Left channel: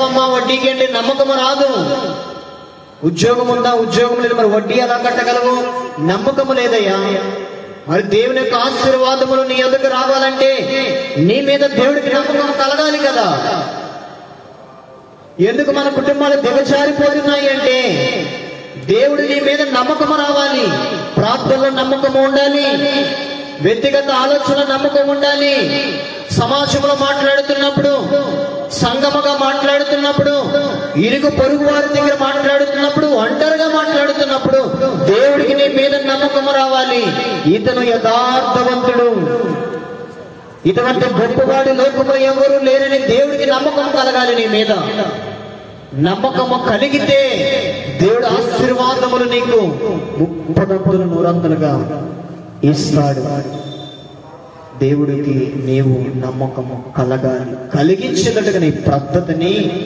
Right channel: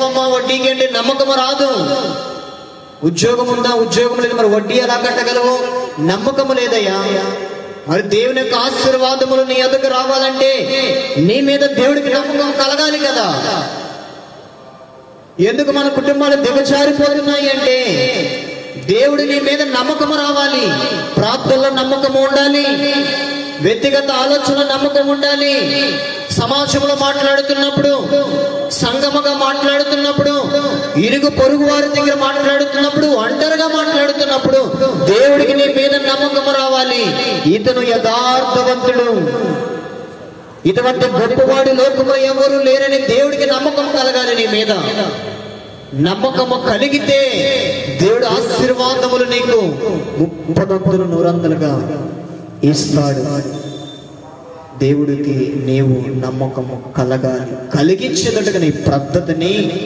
ఇస్తామమ్మా వడ్డీకి అంటే నమ్మకం రాదు. ఉద్యోగం ఉందా, ఉద్యోగం లేదు, మరి వడ్డీ ఎలా కట్టగలవు? నమ్మకము లేదయ్యా. మరి దేవుని యొక్క ఆశీర్వాదములు నీ ఎదుగు రావాలంటే నీ మీద దేవుడికి నమ్మకం కలగాలి కదా. ఎందుకు మన కుటుంబాలు దిగజారిపోతున్నాయి అంటే దేవుడు నీ మీద నమ్మకం రావాలి. ప్రార్థనలో నమ్మకం ఉండాలి, వ్యక్తిగత ఆలోచన నమ్మకం ఉండాలి, సమాజంలో మాట్లాడుతున్నప్పుడు, సంగమగా మాట్లాడుతున్నప్పుడు, ఇరుగు పొరుగు వారి దగ్గర మాట్లాడుతున్నప్పుడు, ఒంటరిగా మాట్లాడుతున్నప్పుడు దేవుడికి నీ మీద నమ్మకం రావాలి. ఇతను యథార్థవంతుడు, ఇటువంటి గొప్పవాడి లోకంలో ఎవరు లేరని దేవుడికి నమ్మకం కలగాలి. నీ మీద నమ్మకము కలిగితే దేవుడు ఆశీర్వాదములు నీకు 30 100 ఇస్తాడు. దేవుడికి నీవు నమ్మకము కలగాలి. కలిగించేటట్టుగా నీ పద్ధతిని